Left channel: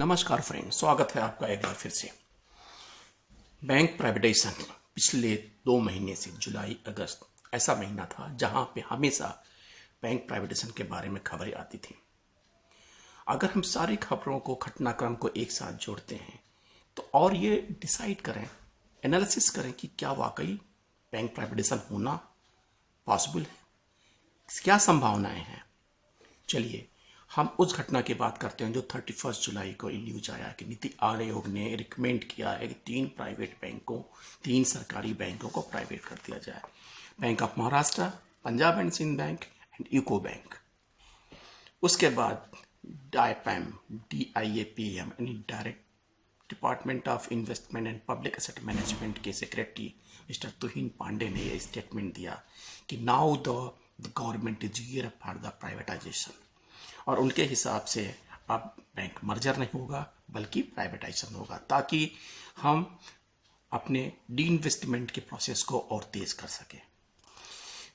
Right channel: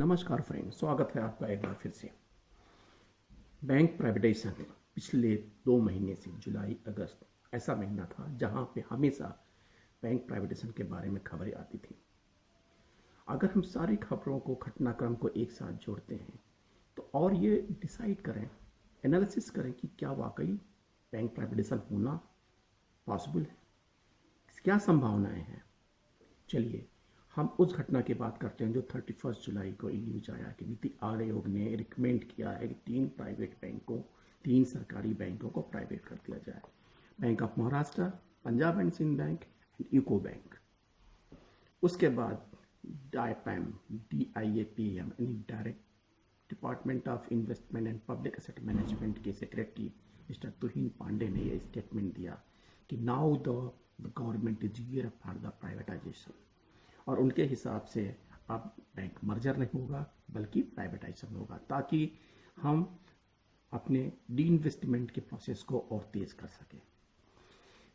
नमस्कार फ्रेंड, स्वागत है आपका एक बार फिर से। बैंक प्राइवेटाइजेशन पिछले 2 महीने से जुलाई अगस्त ऐसा महीना था जहां पे हमेशा बैंक प्राइवेटाइजेशन के बारे में खबरें आती थी। अगर हम सारी खबरों को, घटनाक्रम को एक साथ जोड़ते हैं तो और ये डिसाइड करें, एनालिसिस करें कि क्या वाकई बैंक प्राइवेटाइजेशन होना पॉसिबल है, क्या संभावनाएं हैं। चलिए हम उस घटना की बात करते हैं जो 31 जुलाई को न्यूज आया कि नीति आयोग ने रिकमेंड किया है कि 3 सरकारी बैंकों को प्राइवेट कर दिया जाए। Bank of Maharashtra, Punjab and Sindh bank and UCO bank. उसके बाद DIAPM यानी direct department of investment and public asset management के सेक्रेटरी मिस्टर तुहिन पांडे ने यह स्टेटमेंट दिया कि now the government is gear for the privatization. और उनके हिसाब से अब बैंक मर्जर नहीं होगा बल्कि प्राइवेटाइजेशन होगा, ताकि हम अपने डी इन्वेस्टमेंट के प्रोसेस को और तेज कर सकें।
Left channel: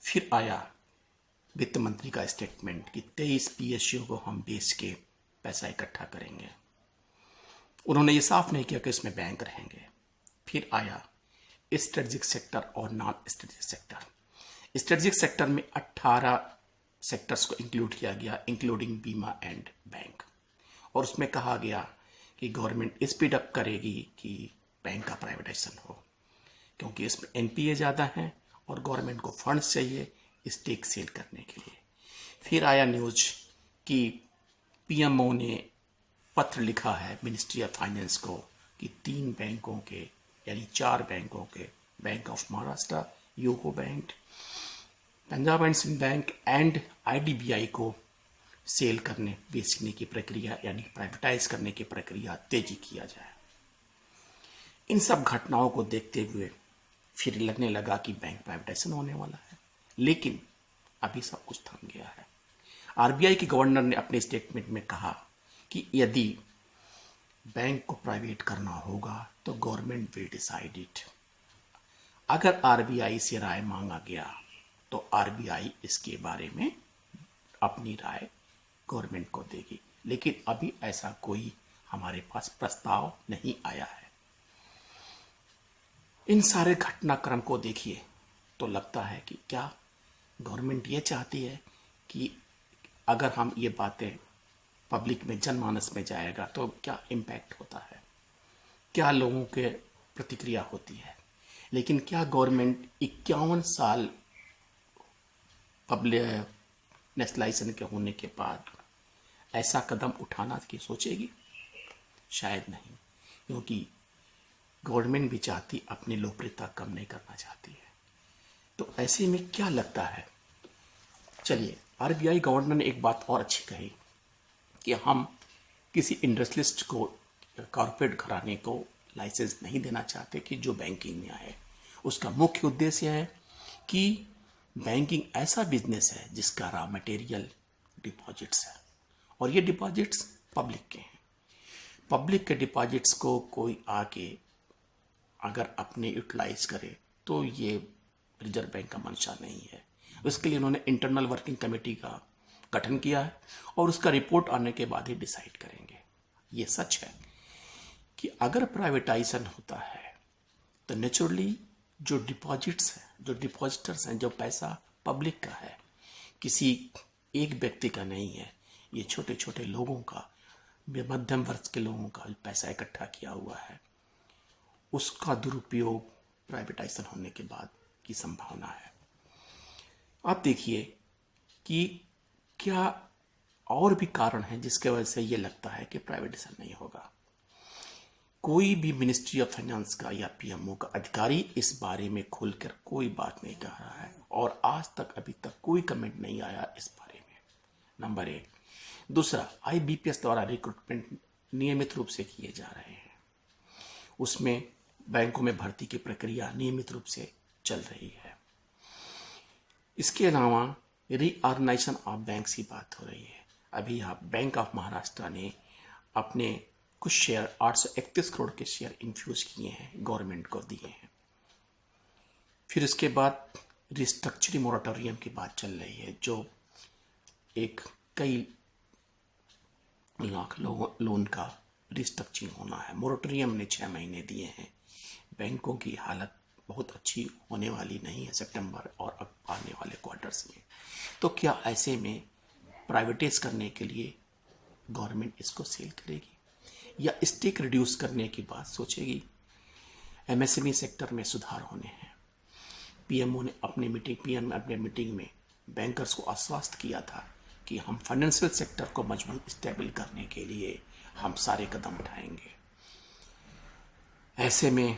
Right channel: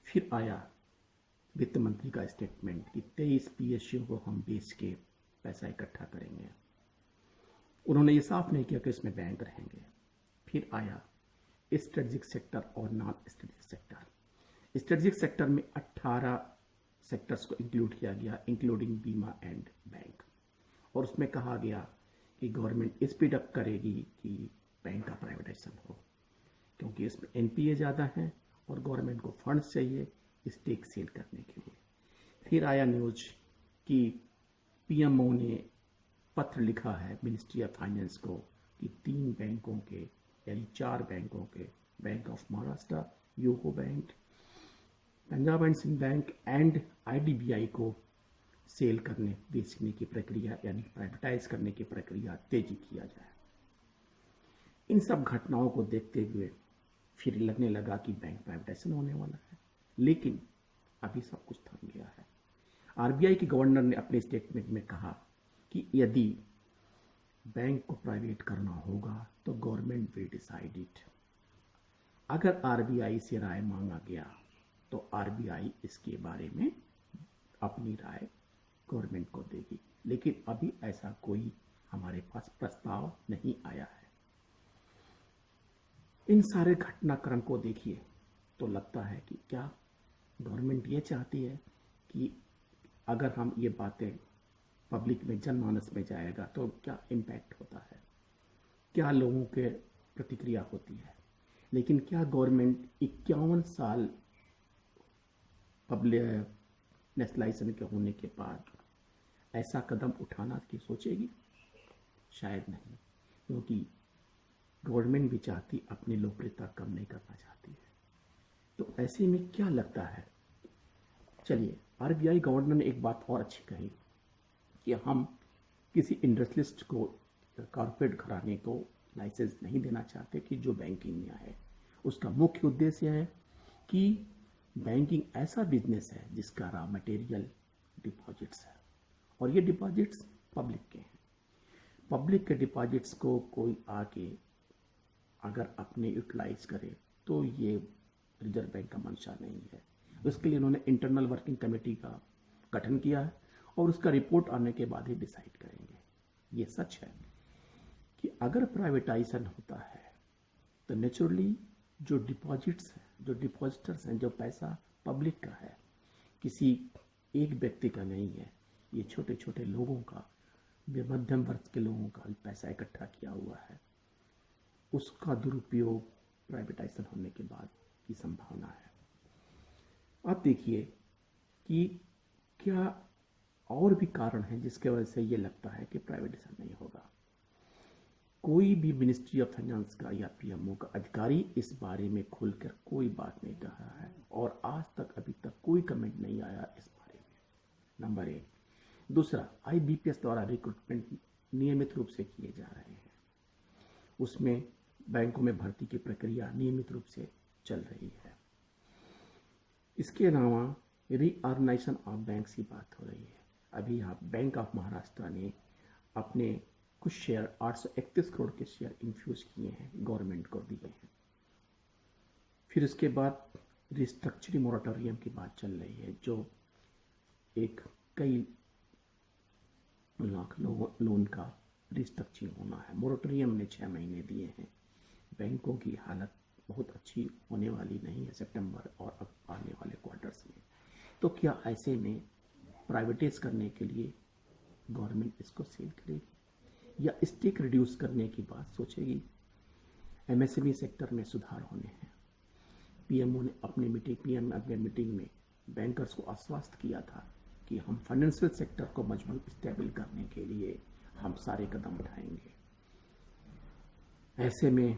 फिर आया वित्त मंत्री का स्टेटमेंट कि 23 PSU को हम बेच के पैसा इकट्ठा करेंगे। उन्होंने ये साफ नहीं किया कि इसमें बैंक रहेंगे। फिर आया स्ट्रेटेजिक सेक्टर और non strategic sector. Strategic sector में 18 सेक्टर्स को इंक्लूड किया गया, इंक्लूडिंग बीमा एंड बैंक। और उसमें कहा गया कि गवर्नमेंट स्पीड अप करेगी कि बैंक का प्राइवेटाइजेशन हो, क्योंकि इसमें NPA ज़्यादा हैं और गवर्नमेंट को फंड्स चाहिए स्टेक सेल करने के लिए। फिर आया न्यूज कि PMO ने पत्र लिखा है मिनिस्ट्री ऑफ फाइनेंस को कि 3 बैंकों के यानी 4 बैंकों के, bank of Maharashtra, UCO bank, Punjab and Sindh bank and IDBI को सेल करने, बेचने की प्रक्रिया यानी प्राइवेटाइज करने की प्रक्रिया तेजी किया जाए। इन सब घटनाओं को देखते हुए फिर लगने लगा कि बैंक प्राइवेटाइजेशन होने वाला है, लेकिन अभी सब कुछ थम गया है। RBI के गवर्नर ने अपने स्टेटमेंट में कहा कि यदि बैंक को प्राइवेट करना होगा तो गवर्नमेंट विल डिसाइड इट। अगर RBI से राय मांगा गया तो RBI इसके बारे में अपनी राय गवर्नमेंट को देगी, लेकिन अभी ऐसा कोई हमारे पास प्रस्ताव नहीं आया है। इन सारे घटनाक्रम को देखिए तो लगता है कि क्या गवर्नमेंट ये चाहती है कि अगर हम ये बातें पब्लिक में, जनमानस में जाएगा तो क्या इम्पैक्ट होता है, क्या लोगों के प्रतिक्रिया होती है। लेकिन क्या गवर्नमेंट 51 साल पब्लिक नेशनलाइजेशन के होने के बाद ऐसा कदम उठाना की सोचेगी? शायद नहीं, क्योंकि गवर्नमेंट भी चाहती, अपनी लोकप्रियता कम नहीं करना चाहती है। तो ऐसे में क्या लगता है, चलिए RBI गवर्नर ने एक बात और अच्छी कही कि हम किसी इंडस्ट्रियलिस्ट को, कॉर्पोरेट घराने को लाइसेंस नहीं देना चाहते कि जो बैंकिंग में आए। उसका मुख्य उद्देश्य है कि बैंकिंग ऐसा बिजनेस है जिसका रॉ मटेरियल डिपॉजिट्स है, और ये डिपॉजिट्स पब्लिक के हैं। पब्लिक के डिपॉजिट्स को कोई आके अगर अपने यूटिलाइज करे तो ये रिजर्व बैंक का मंशा नहीं है। उसके लिए उन्होंने इंटरनल वर्किंग कमेटी का गठन किया है और उसका रिपोर्ट आने के बाद ही डिसाइड करेंगे। ये सच है कि अगर प्राइवेटाइजेशन होता है तो नेचुरली जो डिपॉजिट्स हैं, जो डिपॉजिटर्स हैं, जो पैसा पब्लिक का है, किसी एक व्यक्ति का नहीं है, ये छोटे छोटे लोगों का, मध्यम वर्ग के लोगों का पैसा इकट्ठा किया हुआ है, उसका दुरुपयोग प्राइवेटाइजेशन होने के बाद की संभावना है। आप देखिए कि क्या और भी कारण हैं जिसके वजह से ये लगता है कि प्राइवेटाइजेशन नहीं होगा। कोई भी मिनिस्ट्री ऑफ फाइनेंस का या PMO का अधिकारी इस बारे में खुलकर कोई बात नहीं कह रहा है, और आज तक अभी तक कोई कमेंट नहीं आया इस बारे में, नंबर 1। दूसरा, IBPS द्वारा रिक्रूटमेंट नियमित रूप से किए जा रहे हैं, उसमें बैंकों में भर्ती की प्रक्रिया नियमित रूप से चल रही है। इसके अलावा रीऑर्गेनाइजेशन ऑफ बैंक्स की बात हो रही है। अभी आप बैंक ऑफ महाराष्ट्र ने अपने कुछ शेयर 831 करोड़ के शेयर इन्फ्यूज किए हैं, गवर्नमेंट को दिए हैं। फिर इसके बाद रिस्ट्रक्चरिंग मोरेटोरियम की बात चल रही है, जो एक कई लाख लोन का रिस्ट्रक्चरिंग होना है। मोरेटोरियम ने 6 महीने दिए हैं। बैंकों की हालत बहुत अच्छी होने वाली नहीं है सितंबर और अब आने वाले क्वार्टर्स में। तो क्या ऐसे में प्राइवेटाइज करने के लिए गवर्नमेंट इसको सेल करेगी या स्टेक रिड्यूस करने की बात सोचेगी? एमएसएमई सेक्टर में सुधार होने हैं। पीएम ने अपने मीटिंग में बैंकर्स को आश्वस्त किया था कि हम फाइनेंशियल सेक्टर को मजबूत स्टेबल करने के लिए हम सारे कदम उठाएंगे। ऐसे में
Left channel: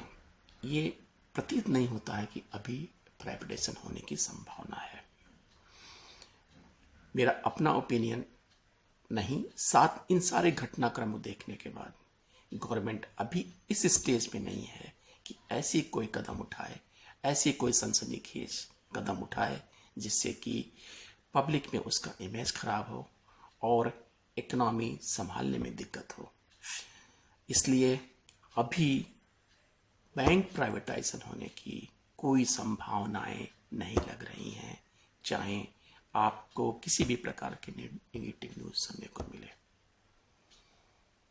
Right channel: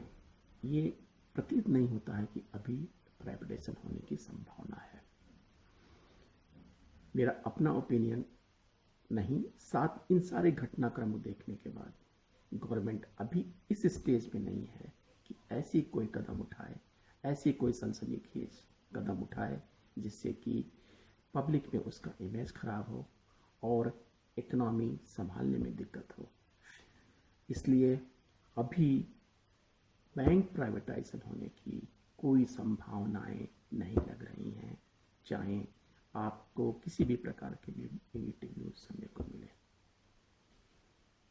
ये प्रतीत नहीं होता है कि अभी प्राइवेटाइजेशन होने की संभावना है। मेरा अपना ओपिनियन नहीं, साथ इन सारे घटनाक्रम को देखने के बाद गवर्नमेंट अभी इस स्टेज में नहीं है कि ऐसी कोई कदम उठाए, ऐसी कोई सनसनीखेज कदम उठाए जिससे कि पब्लिक में उसका इमेज खराब हो और इकोनॉमी संभालने में दिक्कत हो। इसलिए अभी बैंक प्राइवेटाइजेशन होने की कोई संभावनाएं नहीं लग रही हैं, चाहे आपको किसी भी प्रकार के नेगेटिव न्यूज़ सुनने को मिले।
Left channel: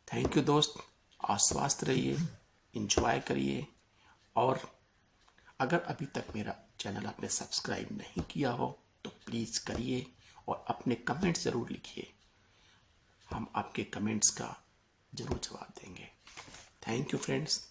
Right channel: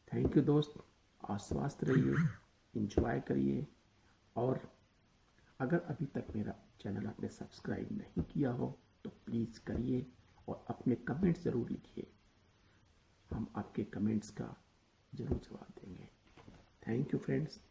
थैंक यू दोस्त, आश्वस्त रहिए, एंजॉय करिए, और अगर अभी तक मेरा चैनल आपने सब्सक्राइब नहीं किया हो तो प्लीज़ करिए और अपने कमेंट्स ज़रूर लिखिए। हम आपके कमेंट्स का ज़रूर जवाब देंगे। Thank you friends.